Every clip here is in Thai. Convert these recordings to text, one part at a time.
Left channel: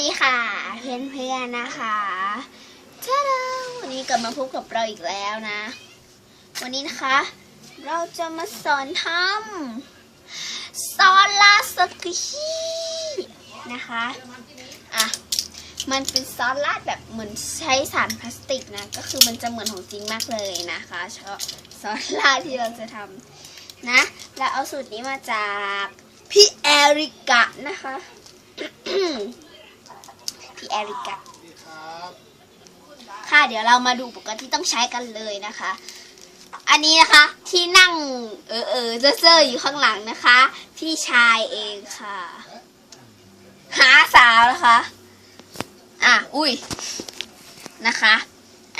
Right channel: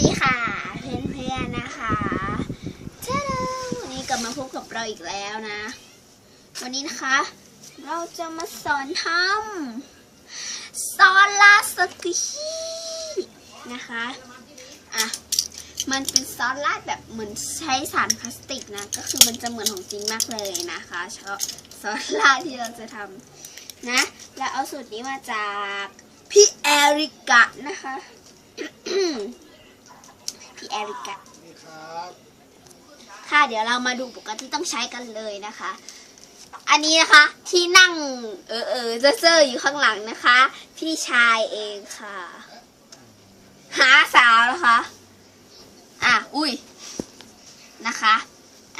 ดีค่ะเพื่อนเพื่อนนะคะเจ้าวันนี้กลับมาพบกับเราอีกแล้วนะ วันนี้นะคะ เราจะมาสอนทำซอสลาสกิชินะคะอะมันเป็นซอสราดแบบเหมือนใช้สารพลาสติกนะ ก็คือมันจะเหมือนของจริงมากเลยนะคะชอบซอสราดที่เราจะทำนะ และเอาสูตรนี้มาจากพี่แอริกะนะคะ ริกะค่ะเดี๋ยวเรามาดูปกรณ์ที่ต้องใช้กันเลยนะคะ อันนี้นะคะที่นั่งเออเออเซ่อๆอยู่ข้างหลังนะคะพี่ชายเองค่ะ หาสาวนะคะอะอุ้ยนะคะ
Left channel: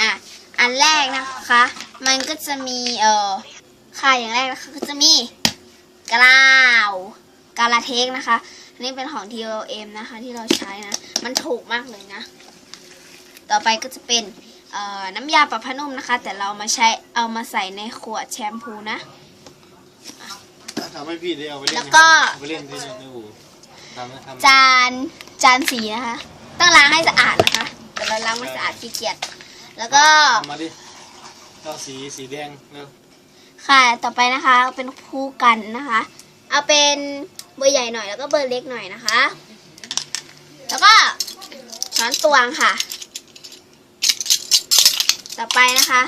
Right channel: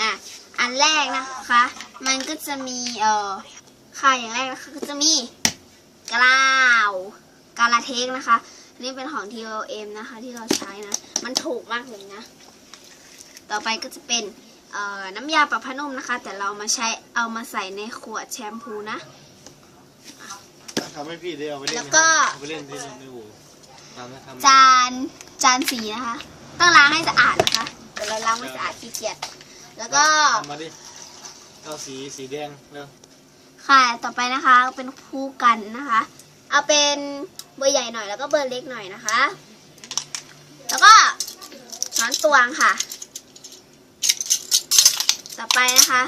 อะอันแรกนะคะ มันก็จะมีเออค่ะอย่างแรกนะคะก็จะมีกราวกาลาเทคนะคะ อันนี้เป็นของ TOM นะคะที่เราใช้นะ มันถูกมากเลยนะ ต่อไปก็จะเป็นเอ่อน้ำยาปรับผ้านุ่มนะคะ แต่เรามาใช้เอามาใส่ในขวดแชมพูนะ ทำให้พี่ได้เอาไปเล่นแล้วก็ เอาไปเล่นที่ในอู่ทำให้ทำจานจานสีนะคะ ต้องล้างให้สะอาดนะคะ แต่เราล้างไม่สะอาดขี้เกียจแล้วก็ เอามาดิเอาสีสีแดงแล้วค่ะ ต่อไปนะคะเอาเป็นคู่กันนะคะ เอาเป็น เบอร์ใหญ่หน่อยแล้วก็เบอร์เล็กหน่อยนะคะ แล้วก็ช้อนตวงค่ะ ต่อไปนะคะ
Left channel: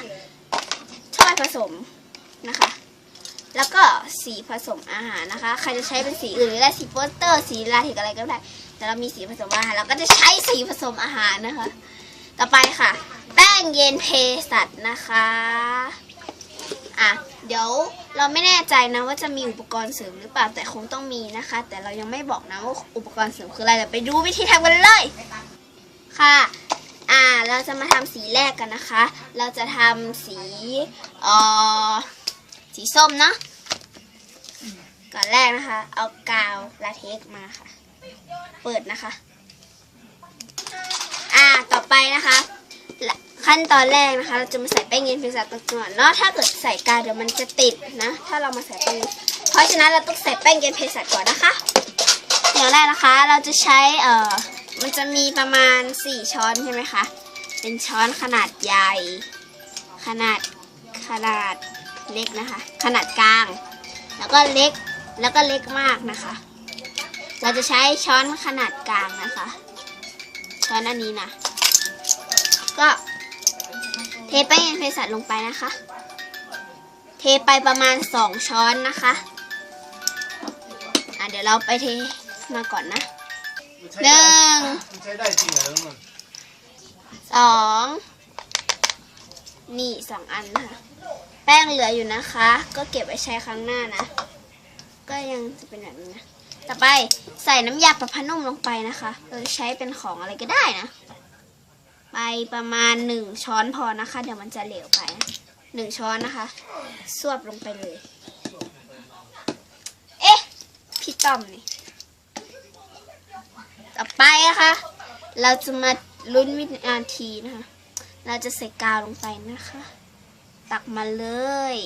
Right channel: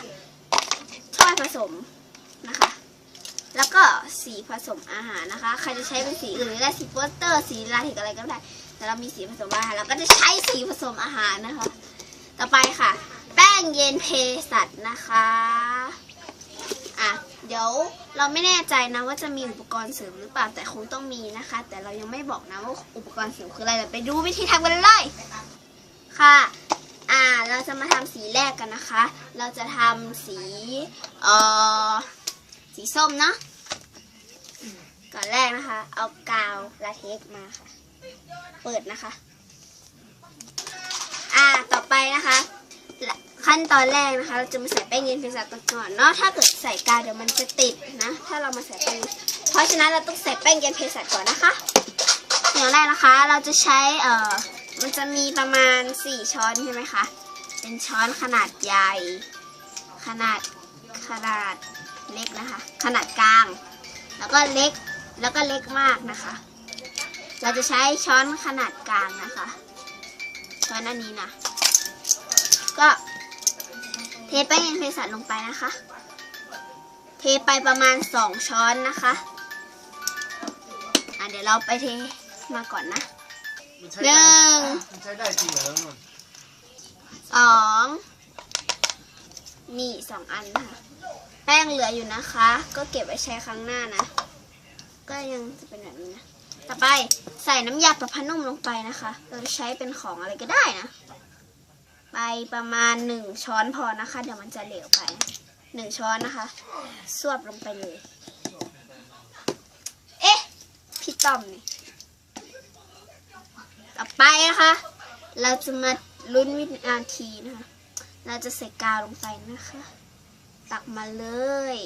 ถ้วยผสมนะคะ แล้วก็สีผสมอาหารนะคะ ใครจะใช้เป็นสีอื่นหรือได้สีโปสเตอร์ สีลาเทกอะไรก็ได้ แต่เรามีสีผสมอาหารเราก็จะใช้สีผสมอาหารนะคะ ต่อไปค่ะ แป้งเย็นเพสัตนะคะ อะเดี๋ยวเราไม่แน่ใจนะว่าจะมีอุปกรณ์เสริมหรือเปล่าแต่คงต้องมีนะคะ แต่เรายังไม่บอกนะว่าอุปกรณ์เสริมคืออะไรเดี๋ยวไปดูวิธีทำกันเลยค่ะอ่าเราจะมาทำสีแรกกันนะคะ เราจะทำสีเอ่อสีส้มเนาะก่อนแรกนะคะ เอากาวลาเท็กมาค่ะ เปิดนะคะ อ่าต่อไปนะคะ ขั้นตอนแรกนะคะ เราจะมาใส่แป้งเย็นเพียงสัตว์ก่อนเนาะถ้าเกิดใส่กาวเดี๋ยวมันจะติดนะ ถ้าเรามาใส่แป้งเพราะฉะนั้นเราต้องใส่แป้งเย็นเพียงสัตว์ก่อนนะคะเดี๋ยวแรกนะคะ เราจะใช้เอ่อมันจะมีประมาณ 4 ช้อนใช่ไหมคะเป็นช้อนขนาดใหญ่ ขนาดขนาดเล็กนะคะ ขนาดกลาง แล้วก็เล็กแล้วก็เล็กมากนะคะ เราจะใช้ช้อนขนาดกลางนะคะช้อนอันนี้นะก็ เทแป้งเย็นเภสัชลงไปนะคะ เทไปประมาณสองช้อนนะคะอะเดี๋ยวเราไปเทมาก่อนนะมันใช้หได้นึ่งมันใช้ได้จริงเหรอมันสองนี่สองอันนะคะแป้งเหลืออยู่นะคะ ก็เก็บไว้ใช้ครั้งหน้านะ ก็ยังจะเป็นแบบนี้นะ ต่อไปใส่น้ำยาประพานุ่มลงไปนะคะ เราจะใช้เป็นของอะไรก็ได้นะ ไปประมาณหนึ่งช้อนพอนะคะ เดี๋ยวมันจะเหลวไปหนึ่งช้อนนะคะสวบลงไปเลย เอ๊ะ พี่ต้อมนี่ต่อไปนะคะ เราจะมาลุ้นวินาทีนะคะ เราจะใส่กาวลงไปนะคะ ตักมาเลย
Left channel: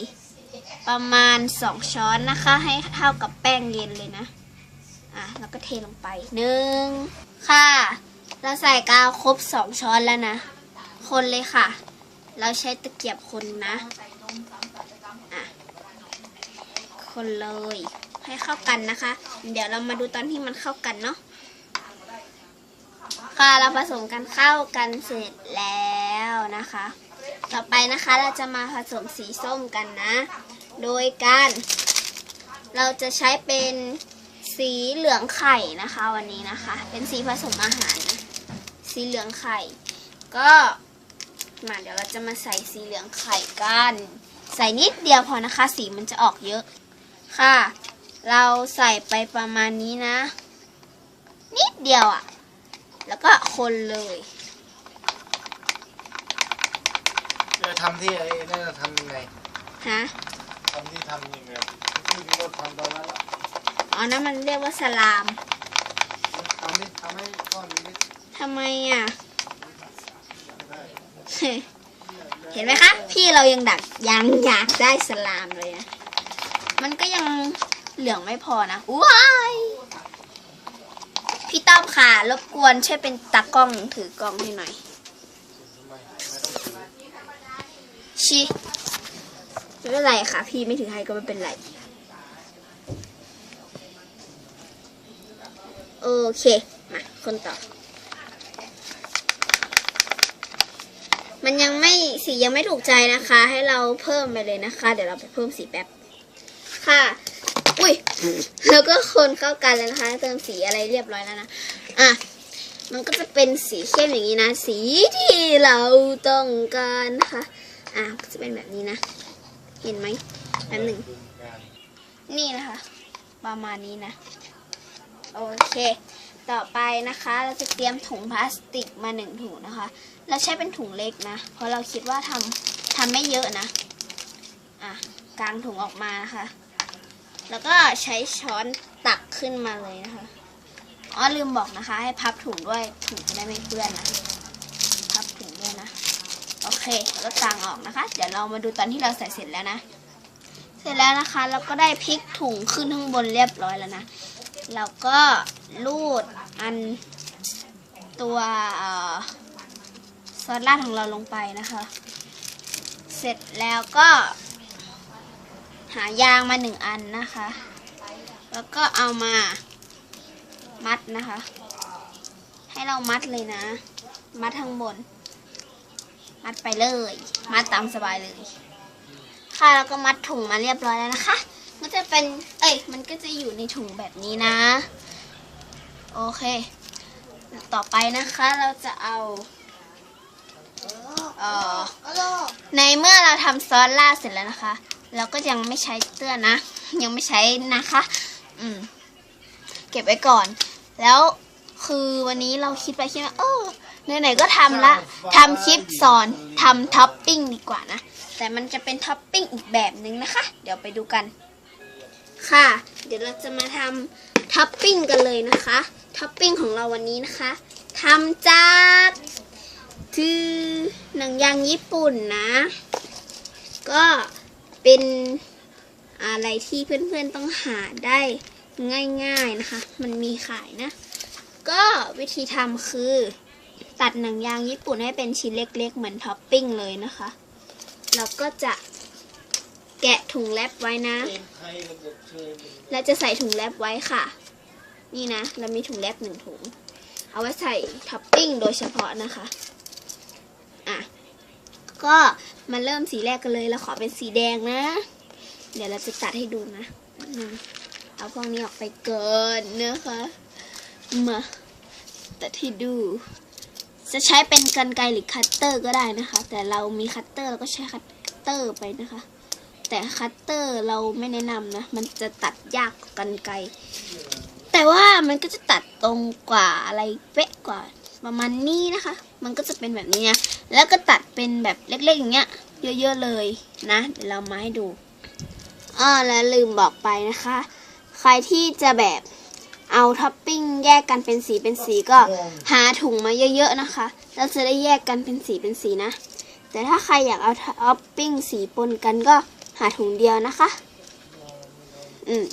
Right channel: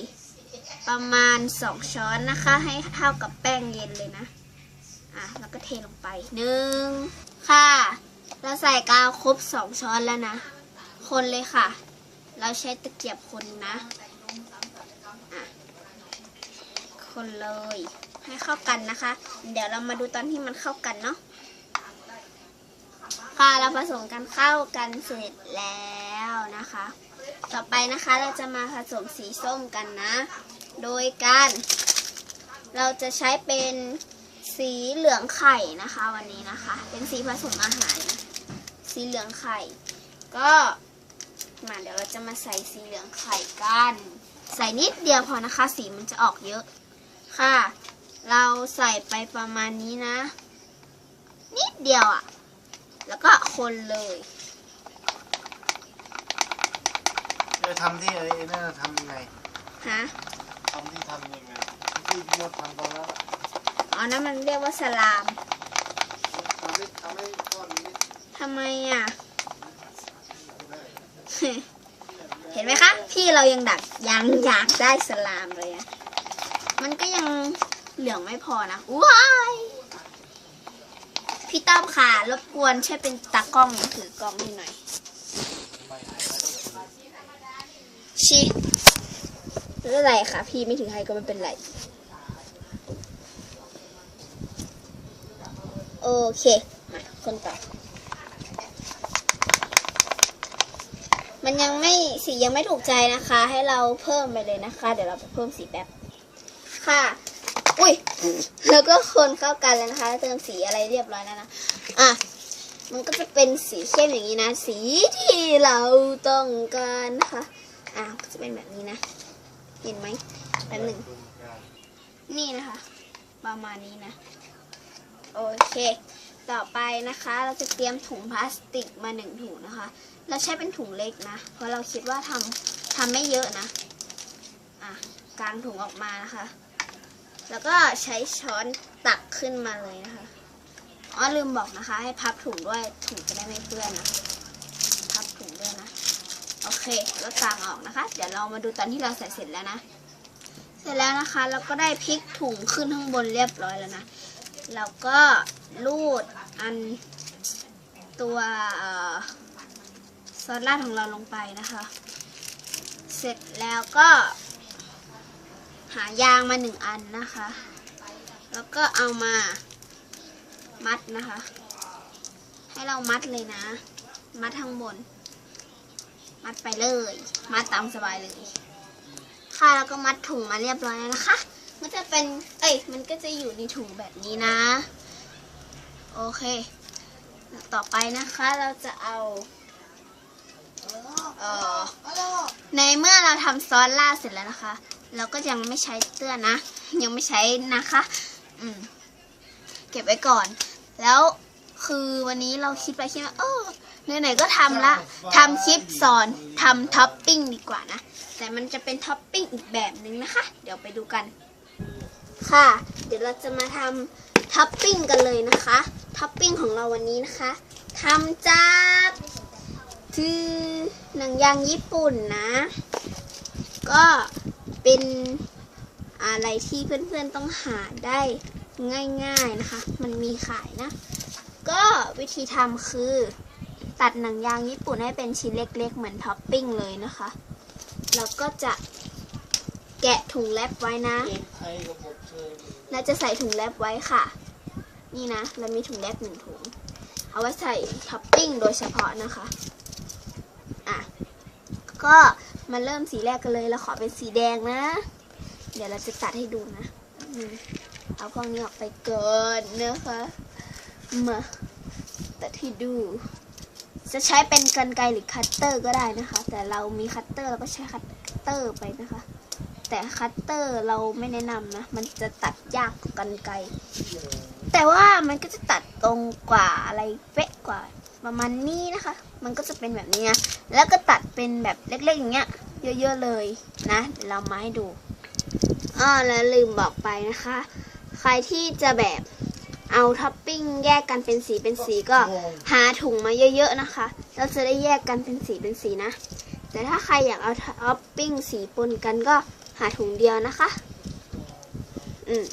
ประมาณสองช้อนนะคะ ให้เท่ากับแป้งเย็นเลยนะ อะ แล้วก็เทลงไปหนึ่งค่ะ เราใส่กาวครบสองช้อนแล้วนะ คนเลยค่ะ เราใช้ตะเกียบคนนะอะคนเลย ให้เข้ากันนะคะ เดี๋ยวเรามาดูตอนที่มันเข้ากันเนาะค่ะเราผสมกันเข้ากันเสร็จแล้วนะคะ ต่อไปนะคะเราจะมาผสมสีส้มกันนะ โดยการเราจะใช้เป็นสีเหลืองไข่นะคะวันนี้นะคะ เป็นสีผสมอาหาร สีเหลืองไข่ ก็มาเดี๋ยวเราจะมาใส่สีเหลืองไข่กัน ใส่นิดเดียวพอนะคะ สีมันจะออกเยอะค่ะ เราใส่ไปประมาณนี้นะ นิดเดียวอะ่ะ แล้วก็คนเลยเออทำที่ไอ้นั่นนะทำยังไงฮะทำที่ทำยังไงที่รถทำตอนนั้นอะอ๋อนั่นมันเรียกว่าสลาม ทำดิทำให้ก้อนนี้ ทำไมอะ เห็นไหมคะ พี่เรายังดักยังอยากได้สลามเลยนะมันก็ยังเหลืองไม่พอนะว้ายพี่ต้อมค่ะรบกวนช่วยเป็นตากล้องถือกล้องให้หน่อย ชิไม่เป็นไรค่ะ พี่ไม่ถึงให้ก็ไม่เป็นไร โอเค มา คนต่อ มันยังไม่สียังไม่ถูกใจนะคะ ให้เราเพิ่มไปเลยนะคะ เดี๋ยวเราเพิ่มสีแป๊บค่ะ อุ้ยแล้วก็คนเข้ากันแล้วนะคะ เติมสีอะไรเรียบร้อยแล้วนะอะมันก็จะเป็นสีเข้มอย่างนี้นะ สีที่เราต้องการนะคะอะก็จะเป็นแบบนี้นะ เห็นไหมแป๊บหนึ่งนี่นะคะ ประมาณนี้นะ โอเค ต่อไปนะคะ เราจะเตรียมถุงพลาสติกมาหนึ่งถุงนะคะ เราใช้เป็นถุงเล็กนะ เพราะเราคิดว่าทำทำไม่เยอะนะ อะกางถุงออกมานะคะ แล้วก็ใช้ช้อนตักขึ้นมาเลยนะคะอ๋อลืมบอกนะคะ ให้พับถุงด้วยถุงจะได้ไม่เปื้อนนะ พับถุงด้วยนะ โอเคแล้วกางออกนะคะ เดี๋ยวเรามาดูตอนที่เราใส่เสร็จแล้วนะ เสร็จแล้วนะคะแล้วก็ได้พลิกถุงขึ้นข้างบนเรียบร้อยแล้วนะ เราก็ รูดอันตัวซอสราดของเราลงไปนะคะ เสร็จแล้วก็ หายางมาหนึ่งอันนะคะ แล้วก็เอามามัดนะคะ ให้เรามัดเลยนะ มัดข้งบน มัดไปเลย มัดตามสบายเลย ค่ะแล้วก็มัดถุงมาเรียบร้อยแล้วนะคะ มันจะเป็น เอ้ย มันก็จะอยู่ในถุงแบบนี้นะ โอเค ต่อไปนะคะเราจะเอาเอ่อในเมื่อเราทำซอสราดเสร็จแล้วนะคะ เราก็ยังไม่ใช้เตื้อนนะ ยังไม่ใช้นะคะ อืม เก็บไว้ก่อน แล้วคือวันนี้เราคิดไปคิดมาเออไหนๆก็ทำละทำคลิปสอนทำท็อปปิ้งดีกว่านะ แต่มันจะเป็นท็อปปิ้งอีกแบบหนึ่งนะคะ เดี๋ยวไปดูกัน ค่ะ เดี๋ยวเราจะมาทำ ท็อปปิ้งกันเลยนะคะท็อปปิ้งของเราวันนี้นะคะทำจากคือหนังยางญี่ปุ่นนะ ก็เป็นอะไรที่เพื่อนๆต้องหาได้ง่ายๆนะคะ มันมีขายนะ ก็วิธีทำคือ ตัดหนังยางญี่ปุ่นให้เป็นชิ้นเล็กๆ เหมือนท็อปปิ้งเลยนะคะเราก็จะแกะถุงแรปไว้นะไทยระบบเชื่อมเราจะใส่ถุงแรปไว้ค่ะ นี่นะ เรามีถุงแรปหนึ่งถุง เอาไว้ใส่ท็อปปิ้งโดยเฉพาะนะคะ อะ ก็มาเริ่มสีแรกกันเลย เราขอเป็นสีแดงนะ เดี๋ยวเราจะตัดให้ดูนะ เอากล้องนี้ออกไปเก่อนนะคะ มาตัดให้ดู จะใช้เป็นกรรไกรหรือคัตเตอร์ก็ได้นะคะ แต่เรามีคัตเตอร์เราก็ใช้คัตเตอร์ไปนะคะแต่คัตเตอร์เราไม่แนะนำนะ มันจะตัดยากกว่ากันไกร แต่ว่ามันก็จะตัดตรงกว่าอะไรเป๊ะกว่าประมาณนี้นะคะ มันก็จะเป็นแบบนี้นะแล้วก็ตัดเป็นแบบเล็กๆอย่างเงี้ย เยอะๆเลยนะเดี๋ยวเรามาให้ดูอ้อแล้วลืมบอกไปนะคะ ใครที่จะแบบเอาท็อปปิ้งแยกกันเป็นสีเป็นสีก็หาถุงมาเยอะ ๆนะคะแล้วจะได้แยกกันเป็นสีเป็นสีนะ แต่ถ้าใครอยากเอาท็อปปิ้งสีปนกันก็หาถุงเดียวนะคะ อืม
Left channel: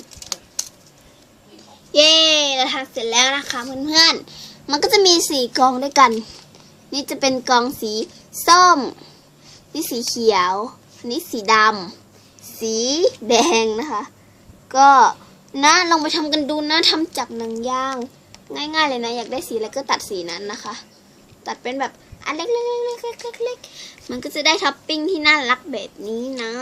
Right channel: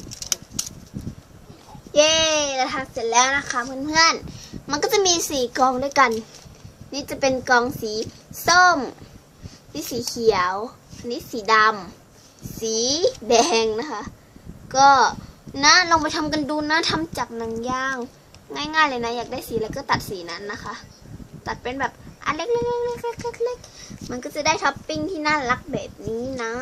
เย้เราทำเสร็จแล้วนะคะเพื่อนๆ มันก็จะมีสีกองด้วยกัน นี่จะเป็นกองสีส้ม นี่สีเขียว นี่สีดำ สีแดงนะคะ ก็นะลองไปทำกันดูนะทำจากหนังยาง ง่ายๆเลยนะ อยากได้สีอะไรก็ตัดสีนั้นนะคะ ตัดเป็นแบบอันเล็กๆๆๆๆมันก็จะได้ท็อปปิ้งที่น่ารักแบบนี้นะ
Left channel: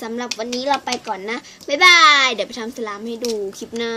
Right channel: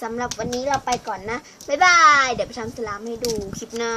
สำหรับวันนี้เราไปก่อนนะ บ๊ายบาย เดี๋ยวไปทำสลามให้ดูคลิปหน้า